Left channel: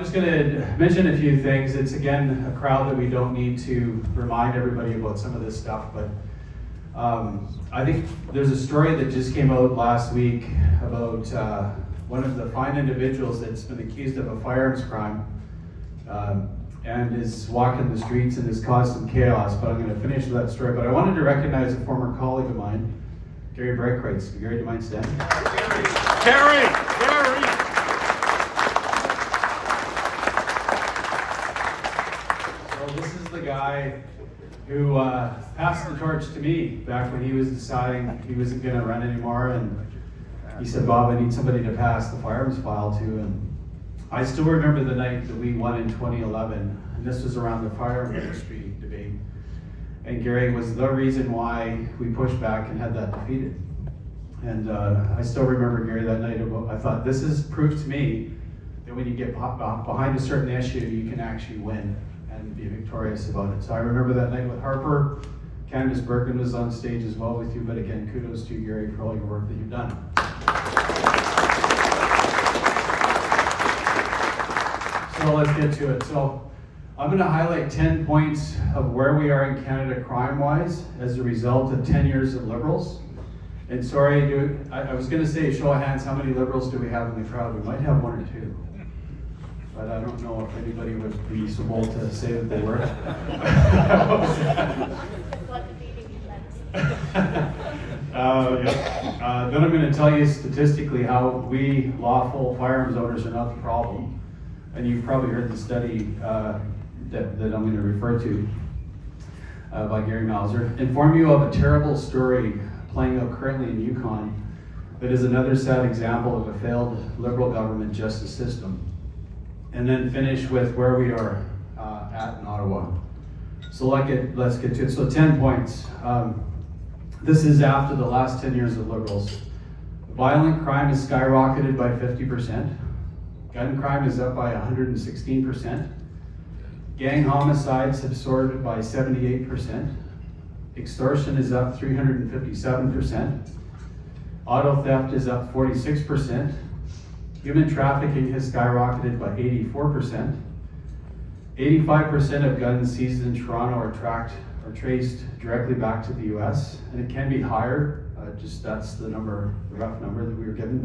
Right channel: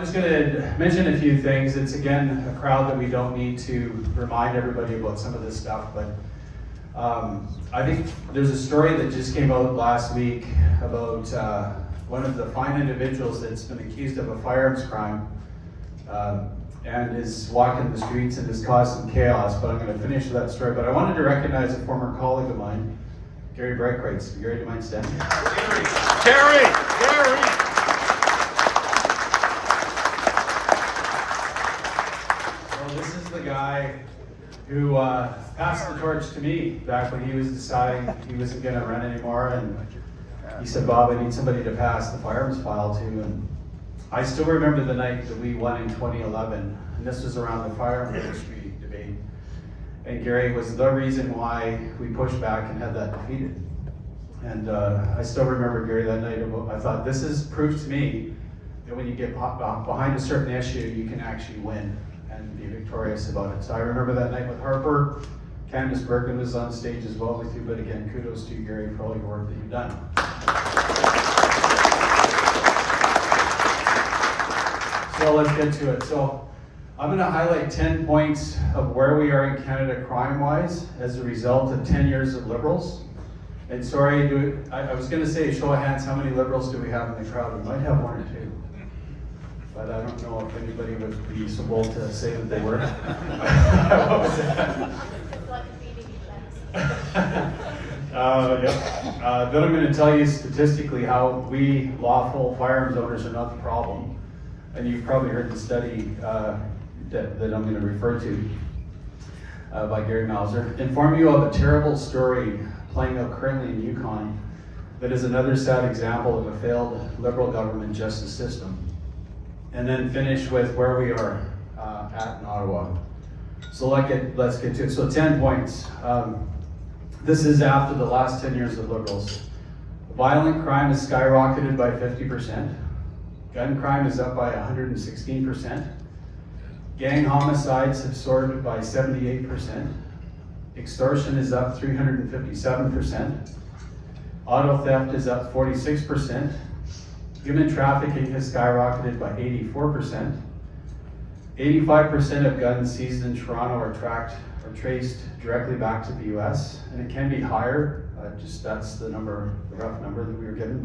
just going to mention a few things. It's again a crowd that we don't need to remind everybody about some of this stuff, but I think there's a story that just came out last week about one of the fine individuals that's been accused of a firearms crime and is walking the streets and has caused some chaos, but I'm going to finish with that story. But I wanted to recognize a former colleague of mine, Gary Breckwrights. Gary, do you mind standing? Gary! So this is the guy who passed the torch to me back when he was deciding he wasn't going to run anymore, and he said, Bob, I need somebody to pass the firearms file to. And I still remember the night that we won in 2011, and this was around the firearm industry debate. And Gary was the reason why we pushed back and had that defeated. And I still remember Gary that night. I thought, this is proof to me that when you get behind a certain issue, you can actually win and be victorious about it. So I remember that night with Harper. Candace Birkin was on stage as well with you, but again, kudos to you, Gary, for all your work that you've done. So let's get to it. So I'm going to highlight 10 points of where we are in Canada crime-wise as a result of 10 years of Liberals. And sorry, I was going to say, show of hands, how many Liberals do we have in the crowd? We might have one or two. But I don't know if anybody would be so bold to say that they were. What was that? Yep. Then I'm going to tell you statistically how we lawful firearms owners are not the problem. And you've probably heard the study that I'm going to refer to by Gary Mauser. Inform you of a terrible story playing out currently in Yukon that is another sad example of a failed Liberal government justice system. And then finish with where we are at in Ottawa. So let's get to it. So 10 points. This is after the last 10 years of Liberals. Violent crime has skyrocketed by 50%. Gun crime is up by 116%. Gang homicides have soared by 78%. Extortion is up 357%. Auto theft is up 46%. Human trafficking has skyrocketed by 84%. 85% of guns seized in Toronto are tracked or traced directly back to the US, and it can be higher. That's the number, the rough number that we were given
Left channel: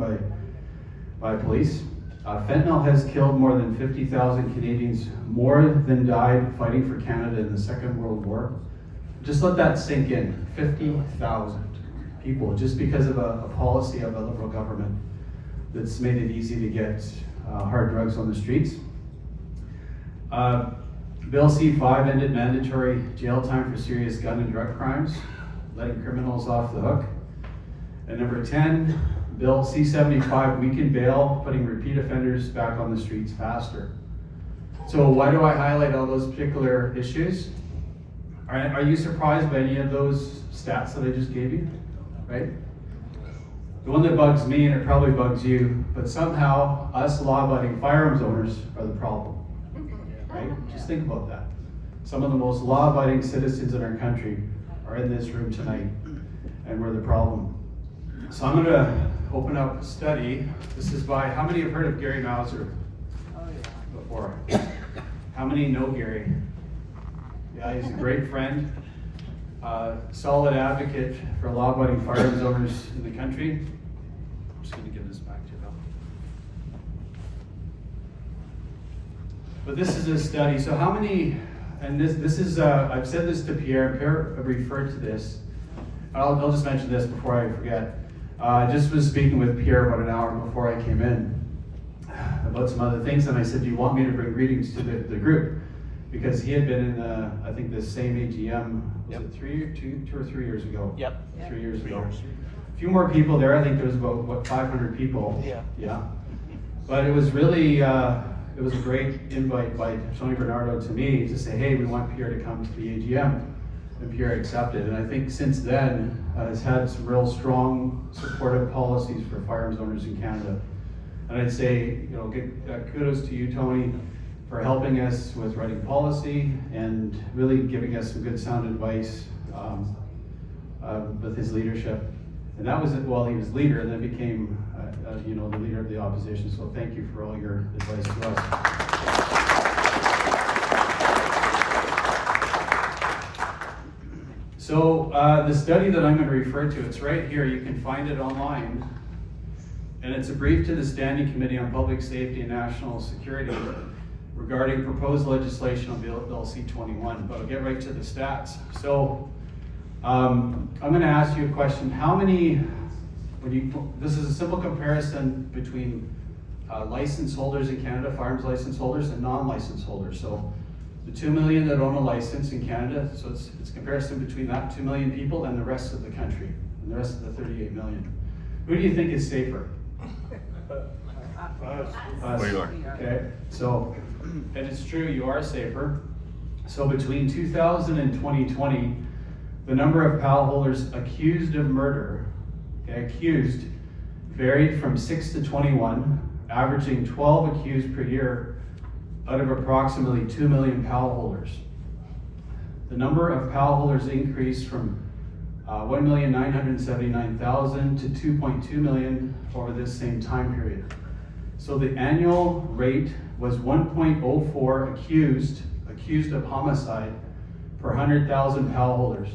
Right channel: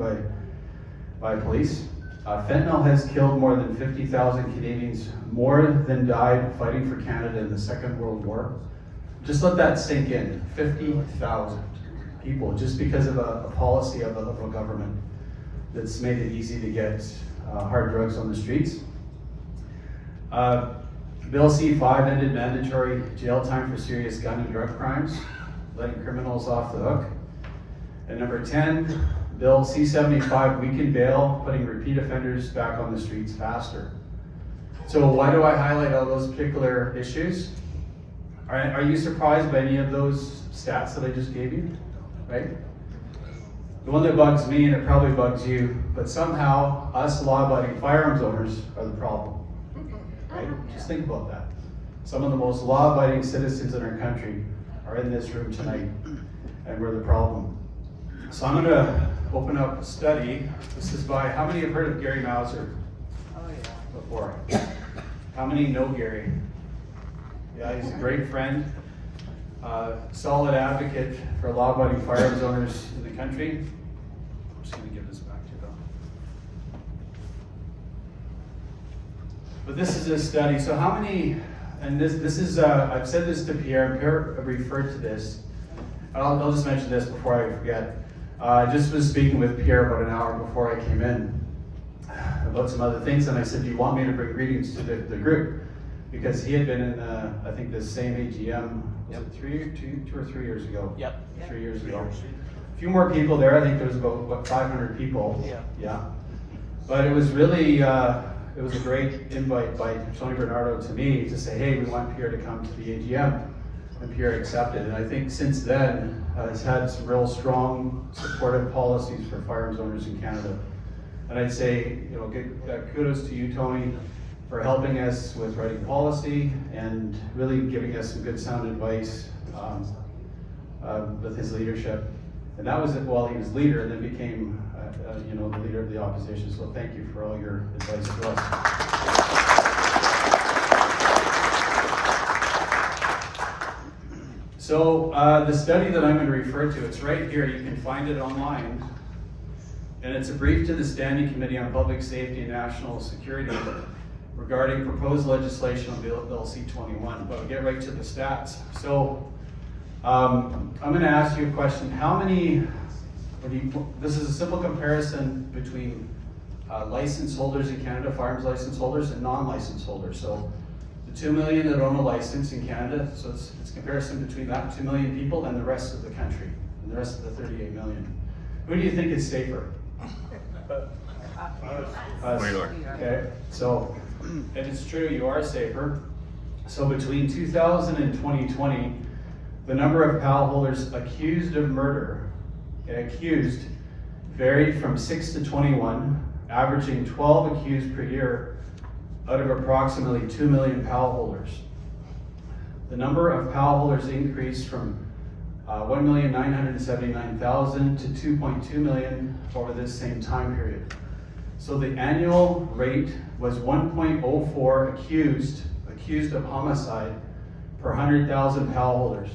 by police. Fentanyl has killed more than 50,000 Canadians, more than died fighting for Canada in the Second World War. Just let that sink in. 50,000 people, just because of a policy of the Liberal government that's made it easy to get hard drugs on the streets. Bill C-5 ended mandatory jail time for serious gun and drug crimes, letting criminals off the hook. And number 10, Bill C-75 weakened bail, putting repeat offenders back on the streets faster. So why do I highlight all those particular issues? Are you surprised by any of those stats that I just gave you, right? The one that bugs me, and it probably bugs you, but somehow us law-abiding firearms owners are the problem, right? Just think about that. Some of the most law-abiding citizens in our country are in this room tonight, and we're the problem. So I'm going to open up a study. This is by, how many have heard of Gary Mauser before? How many know Gary? Yeah, he's a great friend, solid advocate for law-abiding firearms owners in the country. I'm just going to give this back to you, Bill. But this is a study. So how many, and this is, I've said this to Pierre, and Pierre referred to this. I'll just mention this before I forget. I just was speaking with Pierre about an hour before I came in about some other things, and I said, do you want me to bring greetings to the group? Because he had been in, I think, the same AGM, was it 2 or 3 years ago? Yep. 3 years ago. A few more people there. I think there was about, 500 people. Yeah. But it was really, it was a great invite by Tony Bernardo to me to say, hey, we want Pierre to come to the AGM. And Pierre accepted. And I think since then, has had some real strong supportive policies for firearms owners in Canada. And I'd say, kudos to you, Tony, for helping us with writing policy and really giving us some good sound advice with his leadership. And that was it while he was leader, and then became the leader of the opposition. So thank you for all your advice to us. So the study that I'm going to refer to, it's right here. You can find it online. And it's a brief to the Standing Committee on Public Safety and National Security regarding proposed legislation on Bill C-21. But I'll get right to the stats. So I'm going to ask you a question. How many, this is a simple comparison between license holders in Canada, firearms license holders, and non-license holders. So the 2 million that own a license in Canada, so it's a comparison between that 2 million people and the rest of the country, and the rest of the 38 million. Who do you think is safer? Us. We are. Okay, so, and it's true, you are safer. So between 2000 and 2020, the number of PAL holders accused of murder, accused, varied from 6 to 21, averaging 12 accused per year out of approximately 2 million PAL holders. The number of PAL holders increased from 1,979,000 to 2.2 million over this same time period. So the annual rate was 1.04 accused of homicide per 100,000 PAL holders,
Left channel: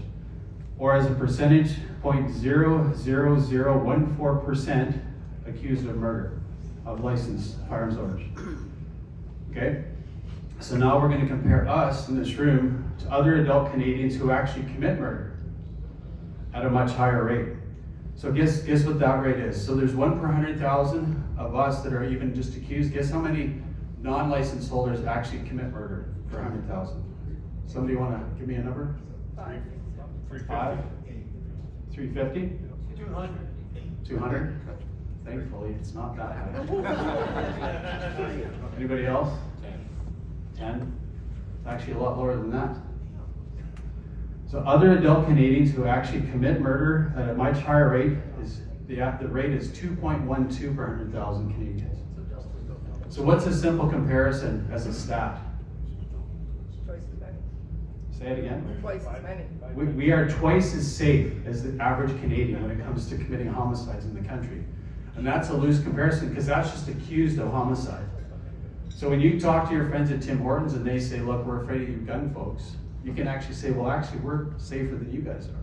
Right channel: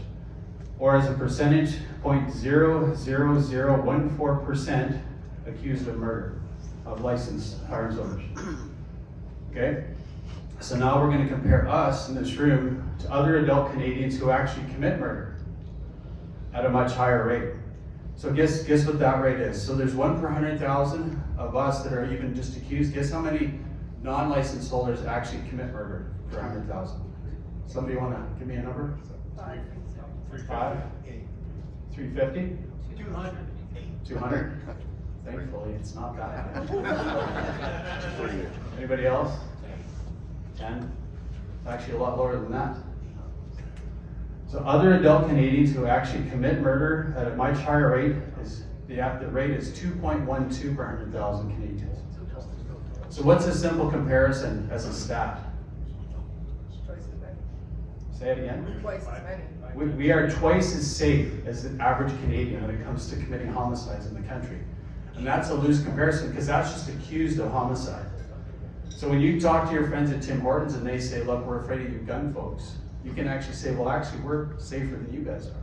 or as a percentage, 0.00014% accused of murder of licensed firearms owners. Okay? So now we're going to compare us in this room to other adult Canadians who actually commit murder at a much higher rate. So guess what that rate is. So there's 1 per 100,000 of us that are even just accused. Guess how many non-licensed holders actually commit murder per 100,000? Somebody want to give me a number? 5? 350? 200? Thankfully, it's not that high. Anybody else? 10? It's actually a lot lower than that. So other adult Canadians who actually commit murder at a much higher rate is the rate is 2.12 per 100,000 Canadians. So what's a simple comparison as a stat? Say it again. Twice as many. We are twice as safe as the average Canadian when it comes to committing homicides in the country. And that's a loose comparison because that's just accused of homicide. So when you talk to your friends at Tim Hortons and they say, look, we're afraid of you gun folks, you can actually say, well, actually, we're safer than you guys are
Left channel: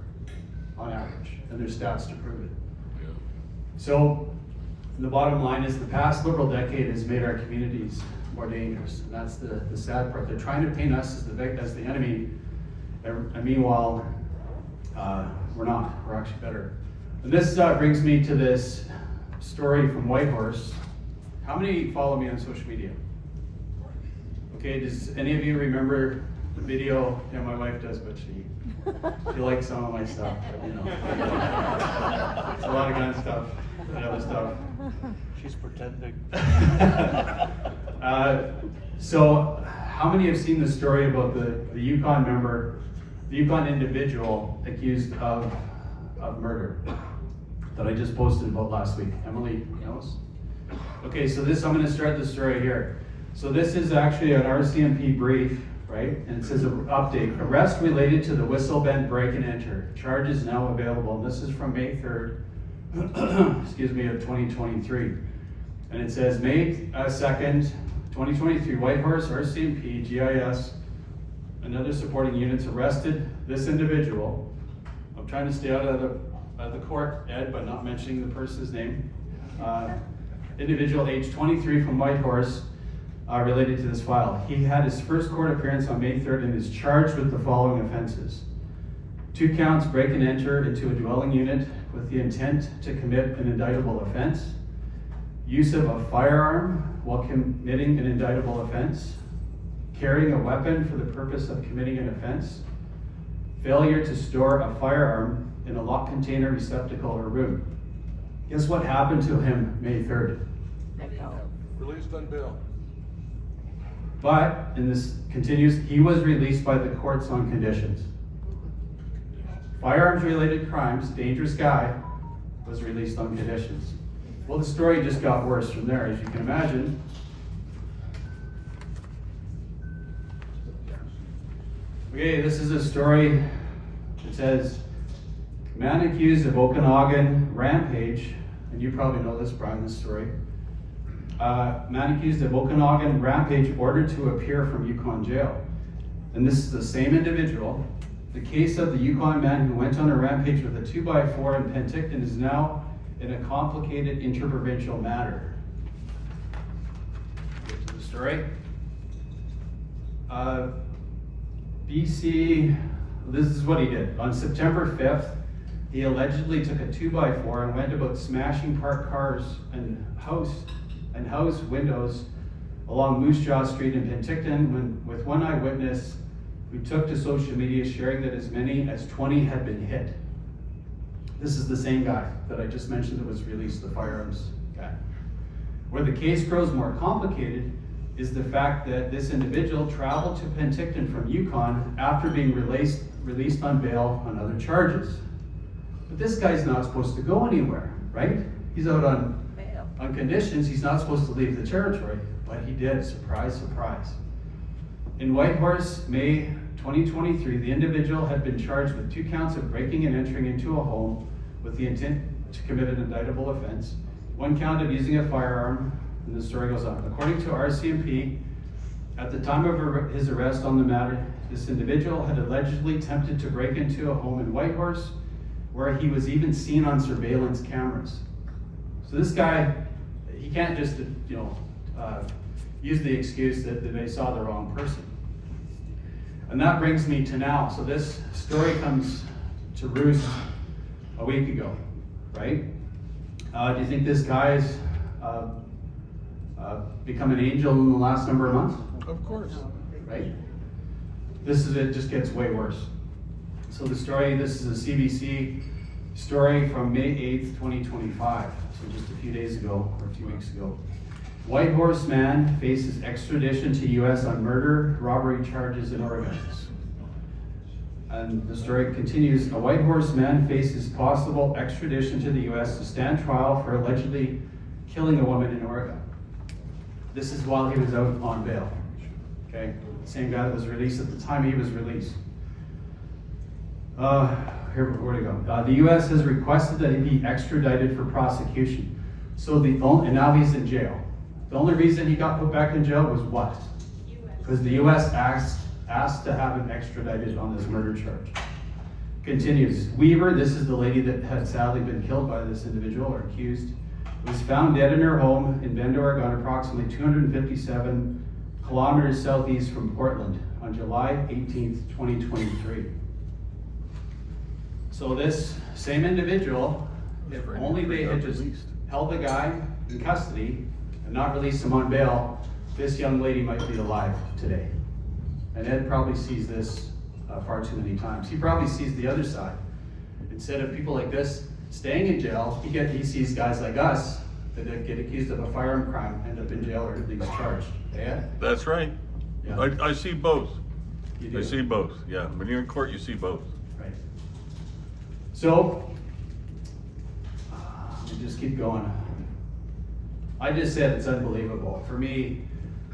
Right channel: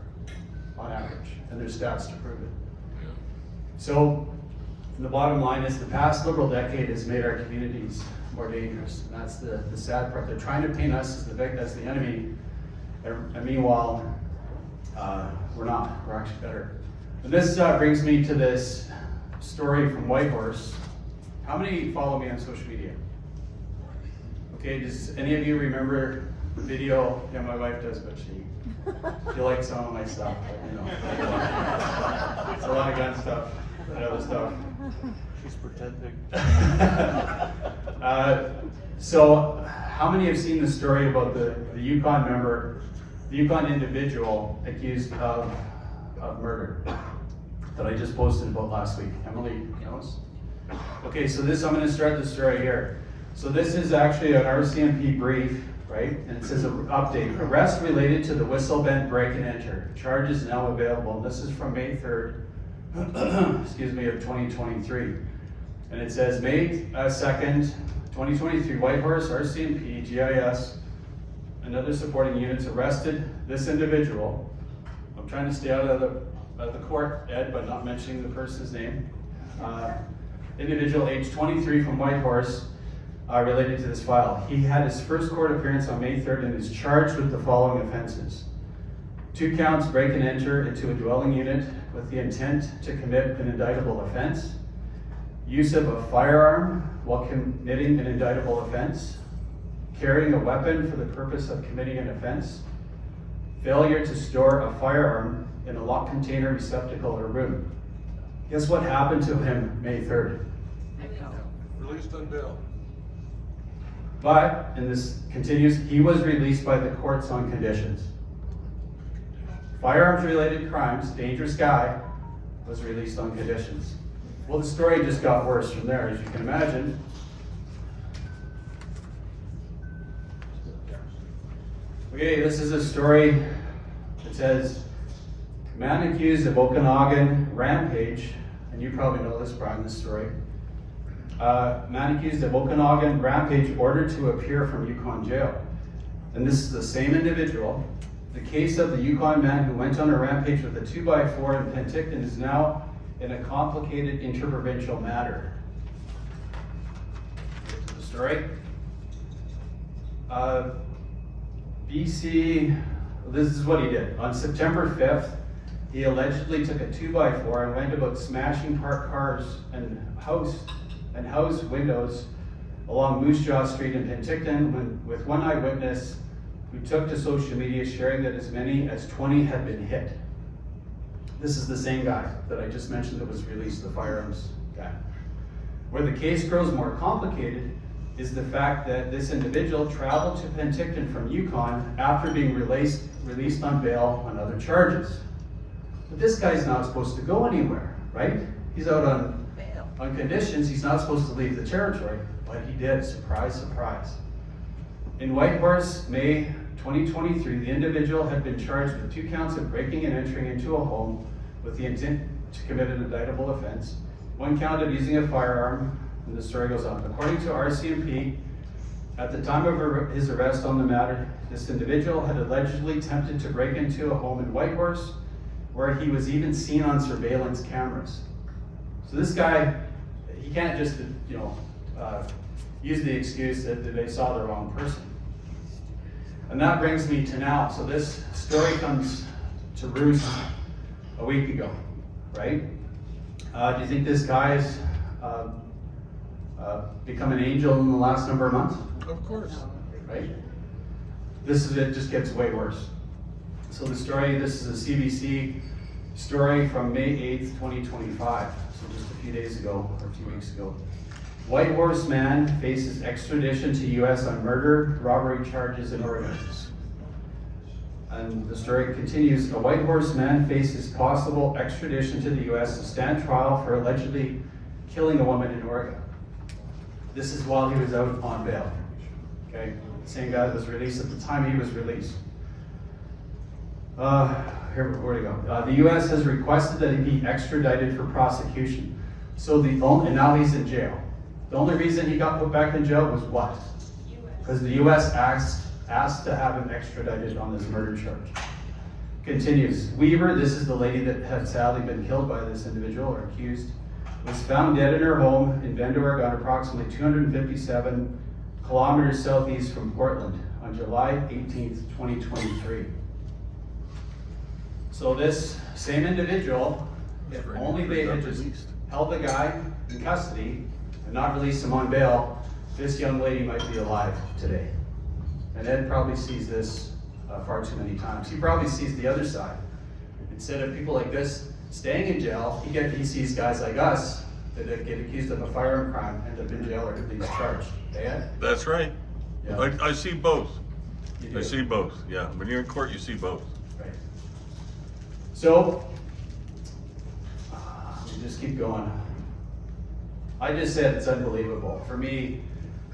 on average. And there's stats to prove it. Yeah. So the bottom line is the past liberal decade has made our communities more dangerous. And that's the sad part. They're trying to paint us as the enemy. And meanwhile, we're not. We're actually better. And this brings me to this story from Whitehorse. How many follow me on social media? Okay, does any of you remember the video? Yeah, my wife does, but she likes some of my stuff, but you know. It's a lot of gun stuff and other stuff. She's pretending. So, how many have seen the story about the Yukon member, the Yukon individual accused of murder that I just posted about last week? Emily knows? Okay, so I'm going to start the story here. So this is actually an RCMP brief, right? And it says update, arrest related to the Whistle Bend break and enter. Charge is now available. And this is from May 3rd, excuse me, of 2023. And it says May 2nd, 2023, Whitehorse, RCMP, GIS, and other supporting units arrested this individual. I'm trying to stay out of the court, Ed, by not mentioning the person's name. Individual age 23 from Whitehorse related to this file. He had his first court appearance on May 3rd and is charged with the following offenses. 2 counts, break and enter into a dwelling unit with the intent to commit an indictable offense. Use of a firearm while committing an indictable offense. Carrying a weapon for the purpose of committing an offense. Failure to store a firearm in a locked container, receptacle, or room. Guess what happened to him May 3rd? Released on bail. But, and this continues, he was released by the courts on conditions. Firearms-related crimes, dangerous guy, was released on conditions. Well, the story just got worse from there, as you can imagine. Okay, this is a story that says, man accused of Okanagan rampage, and you probably know this, Brian, this story, Man accused of Okanagan rampage ordered to appear from Yukon jail. And this is the same individual. The case of the Yukon man who went on a rampage with a 2x4 in Penticton is now in a complicated interprovincial matter. Get to the story. BC, this is what he did. On September 5th, he allegedly took a 2x4 and went about smashing parked cars and house windows along Moose Jaw Street in Penticton with one eyewitness who took to social media sharing that as many as 20 had been hit. This is the same guy that I just mentioned that was released, the Firearms guy. Where the case grows more complicated is the fact that this individual traveled to Penticton from Yukon after being released on bail on other charges. But this guy's not supposed to go anywhere, right? He's out on conditions, he's not supposed to leave the territory, but he did, surprise, surprise. In Whitehorse, May 2023, the individual had been charged with 2 counts of breaking and entering into a home with the intent to commit an indictable offense, 1 count of using a firearm, and the story goes on. According to RCMP, at the time of his arrest on the matter, this individual had allegedly attempted to break into a home in Whitehorse, where he was even seen on surveillance cameras. So this guy, he can't just, use the excuse that they saw the wrong person. And that brings me to now. So this story comes to roost a week ago, right? Do you think this guy's become an angel in the last number of months? Of course. Right? It just gets way worse. So the story, this is a CBC story from May 8th, 2025. So just a few days ago, or 2 weeks ago. Whitehorse man faces extradition to US on murder, robbery charges in Oregon. And the story continues, a Whitehorse man faces possible extradition to the US to stand trial for allegedly killing a woman in Oregon. This is while he was out on bail. Okay, the same guy that was released at the time he was released. Where to go? The U.S. has requested that he be extradited for prosecution. And now he's in jail. The only reason he got put back in jail was what? Because the U.S. asked to have him extradited on this murder charge. Continues. Weaver, this is the lady that had sadly been killed by this individual or accused, was found dead in her home in Bend, Oregon, approximately 257 kilometers southeast from Portland on July 18th, 2023. So this same individual, if only they had just held the guy in custody and not released him on bail, this young lady might be alive today. And Ed probably sees this far too many times. He probably sees the other side. Instead of people like this staying in jail, he sees guys like us that get accused of a firearm crime, end up in jail or at least charged. Ed? That's right. Yeah. I see both. You do? I see both, yeah. When you're in court, you see both. Right. So, let me just keep going. I just said it's unbelievable. For me,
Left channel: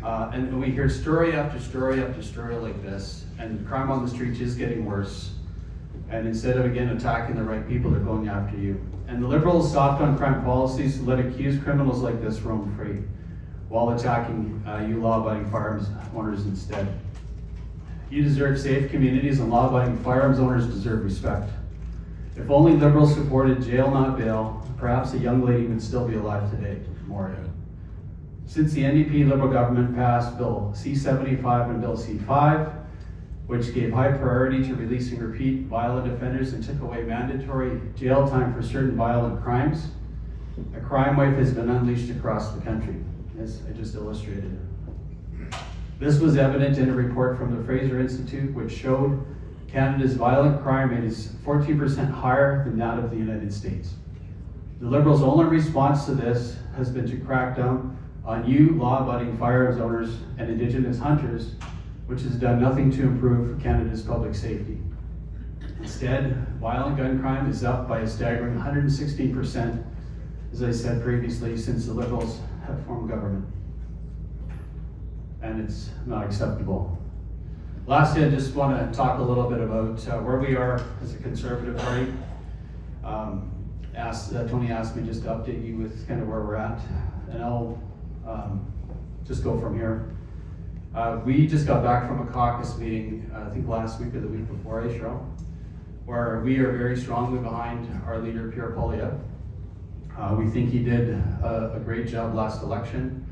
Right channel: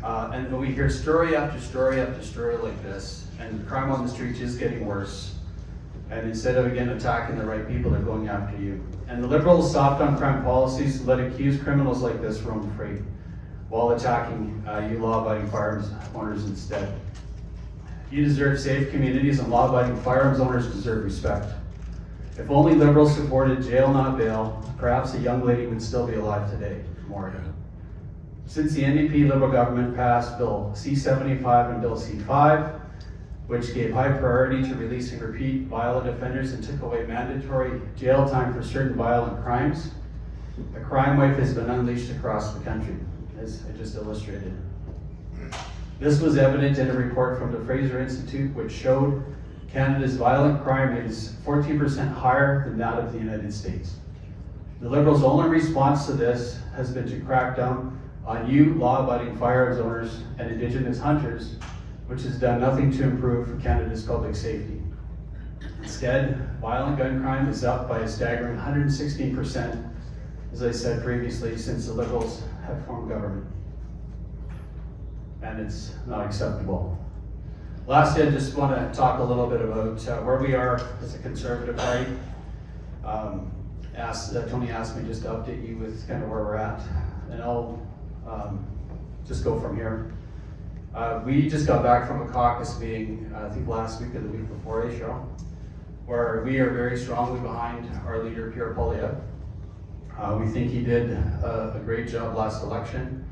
and we hear story after story after story like this, and crime on the streets is getting worse. And instead of, again, attacking the right people, they're going after you. And the Liberals' soft on crime policies let accused criminals like this roam free, while attacking you law-abiding firearms owners instead. You deserve safe communities, and law-abiding firearms owners deserve respect. If only Liberals supported jail, not bail, perhaps a young lady would still be alive today. More. Since the NDP Liberal government passed Bill C-75 and Bill C-5, which gave high priority to releasing repeat violent offenders and took away mandatory jail time for certain violent crimes, a crime wave has been unleashed across the country, as I just illustrated. This was evident in a report from the Fraser Institute, which showed Canada's violent crime rate is 14% higher than that of the United States. The Liberals' only response to this has been to crack down on you law-abiding firearms owners and Indigenous hunters, which has done nothing to improve Canada's public safety. Instead, violent gun crime is up by a staggering 116%, as I said previously, since the Liberals have formed government. And it's not acceptable. Lastly, I just want to talk a little bit about where we are as a Conservative party. Tony asked me just to update you with kind of where we're at. And just go from here. We just got back from a caucus meeting, I think last week or the week before, Cheryl, where we are very strongly behind our leader, Pierre Poilievre. We think he did a great job last election.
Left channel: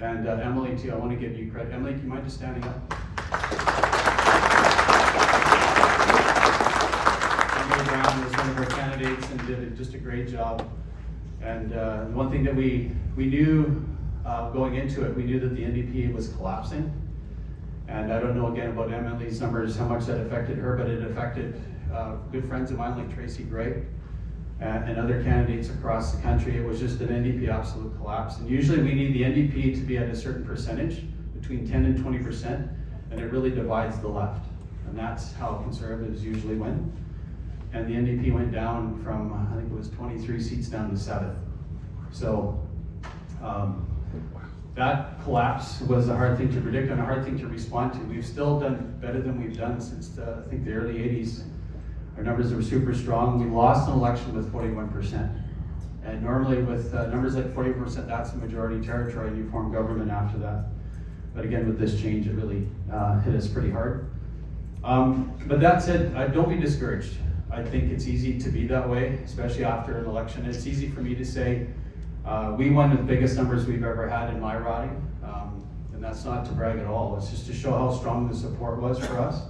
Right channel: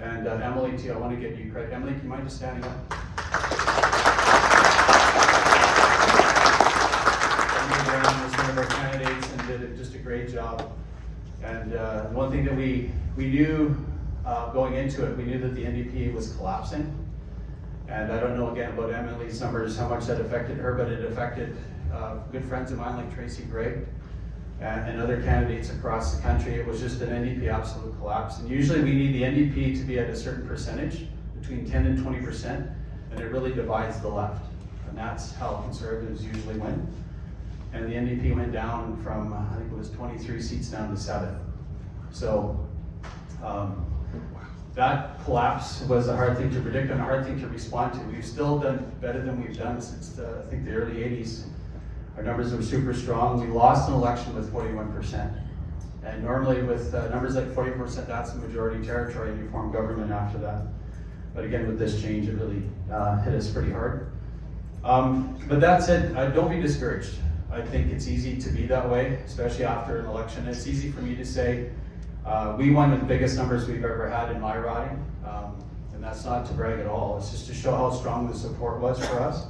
And Emily too, I want to give you credit. Emily, do you mind just standing up? Emily Brown was one of our candidates and did just a great job. And one thing that we knew going into it, we knew that the NDP was collapsing. And I don't know again about Emily's numbers, how much that affected her, but it affected good friends of mine like Tracy Gregg and other candidates across the country. It was just an NDP absolute collapse. And usually we need the NDP to be at a certain percentage, between 10 and 20%, and it really divides the left. And that's how conservatives usually win. And the NDP went down from, I think it was 23 seats down to 7. So that collapse was a hard thing to predict and a hard thing to respond to. We've still done better than we've done since I think the early 80s. Our numbers were super strong. We lost an election with 41%. And normally with numbers like 40%, that's the majority territory, and you form government after that. But again, with this change, it really hit us pretty hard. But that said, don't be discouraged. I think it's easy to be that way, especially after an election. It's easy for me to say, we won the biggest numbers we've ever had in my riding. And that's not to brag at all. It's just to show how strong the support was for us.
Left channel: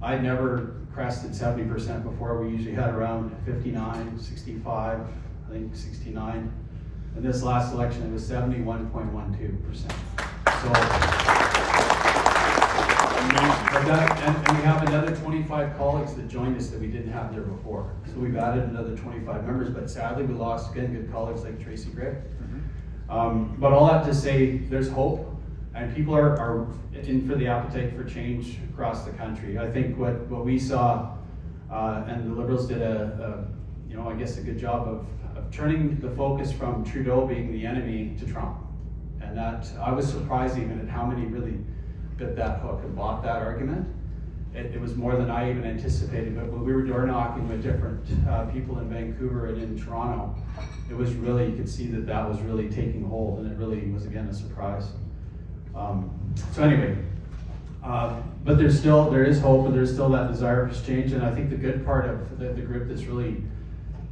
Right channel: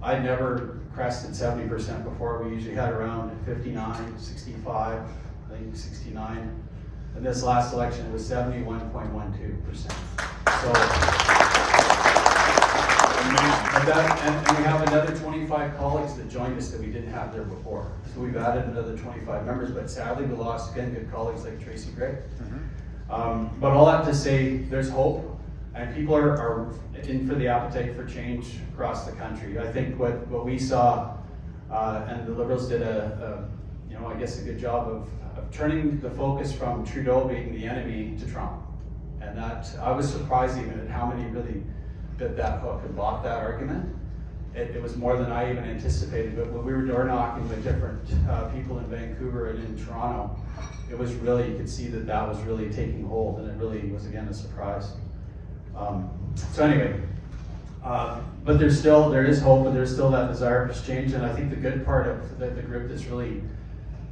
I never crested 70% before. We usually had around 59, 65, I think 69. And this last election it was 71.12%. So, Amazing. And we have another 25 colleagues that joined us that we didn't have there before. So we've added another 25 members, but sadly we lost again good colleagues like Tracy Gregg. But all that to say, there's hope. And people are in for the appetite for change across the country. I think what we saw, and the Liberals did I guess a good job of turning the focus from Trudeau being the enemy to Trump. And that, I was surprised even at how many really bit that hook and bought that argument. It was more than I even anticipated, but when we were door knocking with different people in Vancouver and in Toronto, it was really, you could see that was really taking hold, and it really was again a surprise. So anyway, but there is hope, and there's still that desire for change. And I think the good part of the group that's really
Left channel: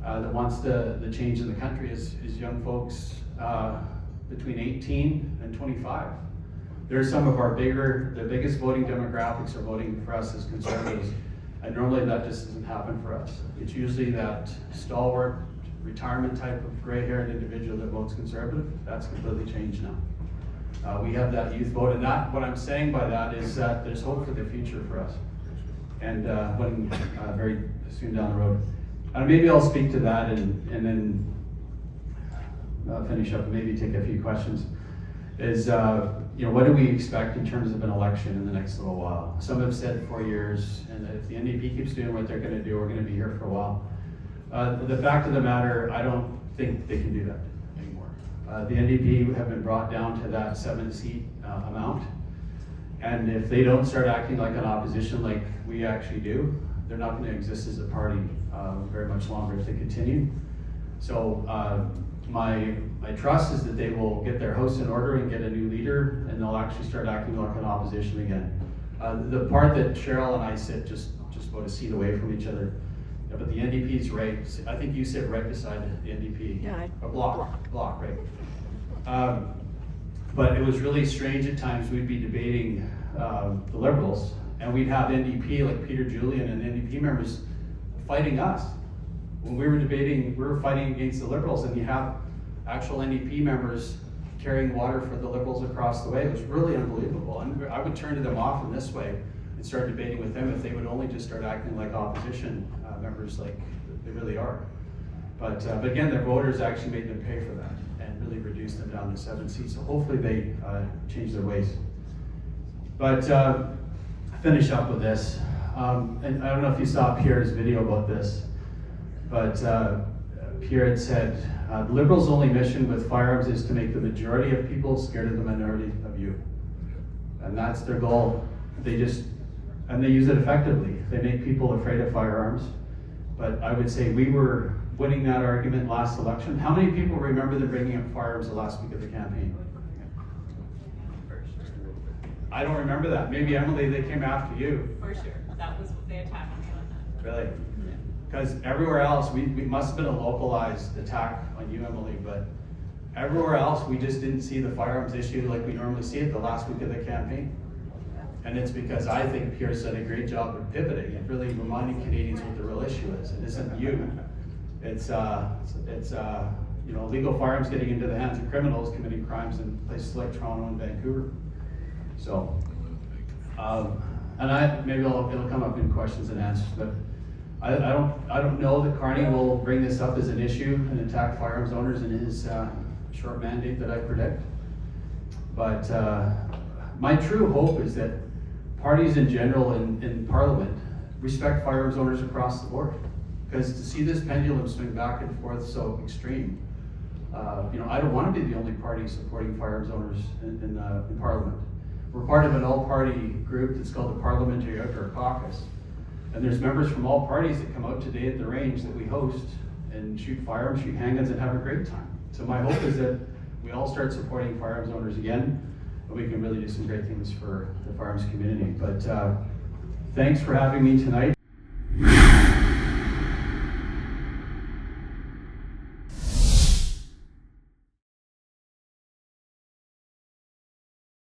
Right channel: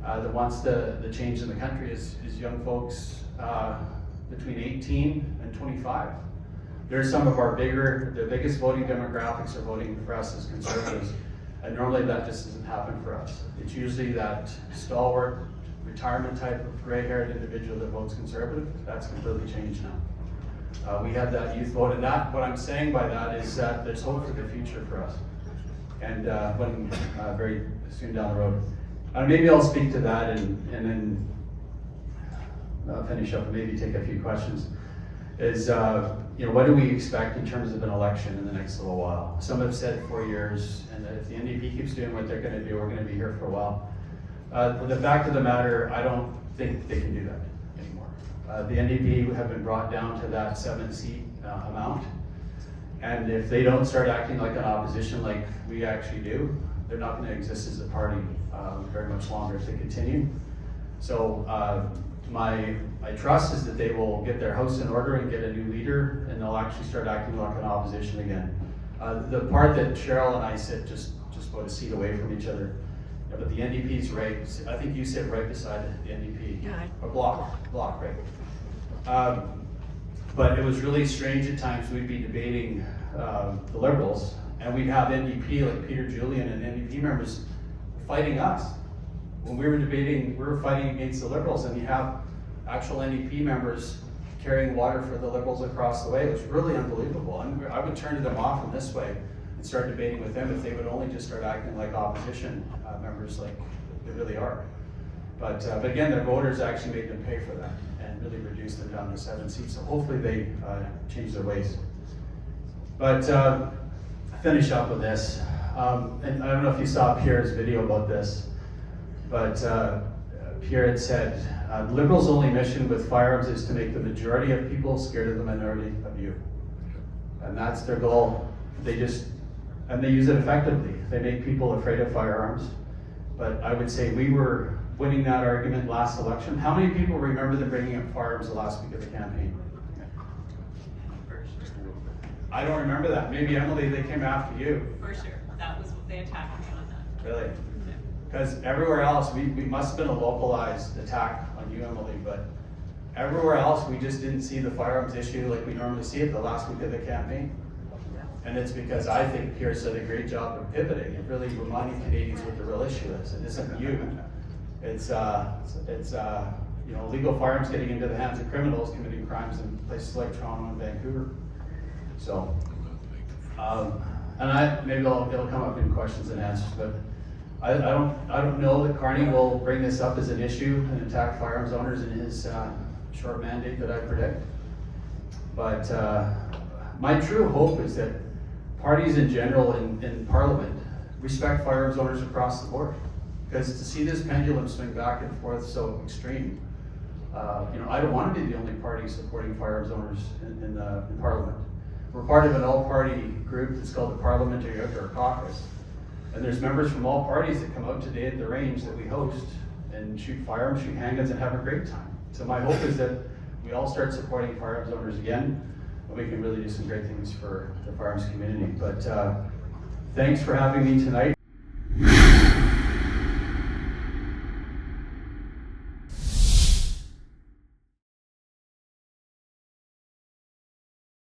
that wants the change in the country is young folks between 18 and 25. They're some of our the biggest voting demographics are voting for us as conservatives, and normally that just doesn't happen for us. It's usually that stalwart retirement type of gray-haired individual that votes conservative. That's completely changed now. We have that youth vote, and that, what I'm saying by that is that there's hope for the future for us. And when very soon down the road, maybe I'll speak to that and then finish up and maybe take a few questions. Is what do we expect in terms of an election in the next little while? Some have said 4 years, and that if the NDP keeps doing what they're going to do, we're going to be here for a while. The fact of the matter, I don't think they can do that anymore. The NDP have been brought down to that 7-seat amount, and if they don't start acting like an opposition like we actually do, they're not going to exist as a party very much longer if they continue. So my trust is that they will get their house in order and get a new leader, and they'll actually start acting like an opposition again. The part that Cheryl and I sit just about a seat away from each other, but the NDP's right. I think you sit right beside the NDP. Yeah. A block, right? But it was really strange at times. We'd be debating the Liberals, and we'd have NDP like Peter Julian and NDP members fighting us. When we were debating, we were fighting against the Liberals, and you have actual NDP members carrying water for the Liberals across the way. It was really unbelievable. And I would turn to them off in this way and start debating with them if they would only just start acting like opposition members like they really are. But again, their voters actually made them pay for that and really reduced them down to 7 seats. So hopefully they change their ways. But finish up with this. And I don't know if you saw Pierre's video about this, but Pierre had said, the Liberals' only mission with firearms is to make the majority of people scared of the minority of you. And that's their goal. They use it effectively. They make people afraid of firearms. But I would say we were winning that argument last election. How many people remember them bringing up firearms the last week of the campaign? I don't remember that. Maybe Emily, they came after you. For sure, that was what they attacked me on that. Really? Yeah. Because everywhere else, we must have been a localized attack on you, Emily, but everywhere else, we just didn't see the firearms issue like we normally see it the last week of the campaign. And it's because I think Pierce did a great job of pivoting and really reminding Canadians what the real issue is. It isn't you. It's you know, illegal firearms getting into the hands of criminals committing crimes in places like Toronto and Vancouver. So, and maybe it'll come up in questions and answers, but I don't know that Carney will bring this up as an issue and attack firearms owners in his short mandate that I predict. But my true hope is that parties in general in Parliament respect firearms owners across the board. Because to see this pendulum swing back and forth so extreme, you know, I don't want to be the only party supporting firearms owners in Parliament. We're part of an all-party group that's called the Parliamentary Outdoor Caucus. And there's members from all parties that come out today at the range that we host and shoot firearms, shoot handguns, and have a great time. So my hope is that we all start supporting firearms owners again, and we can really do some great things for the firearms community. But thanks for having me tonight.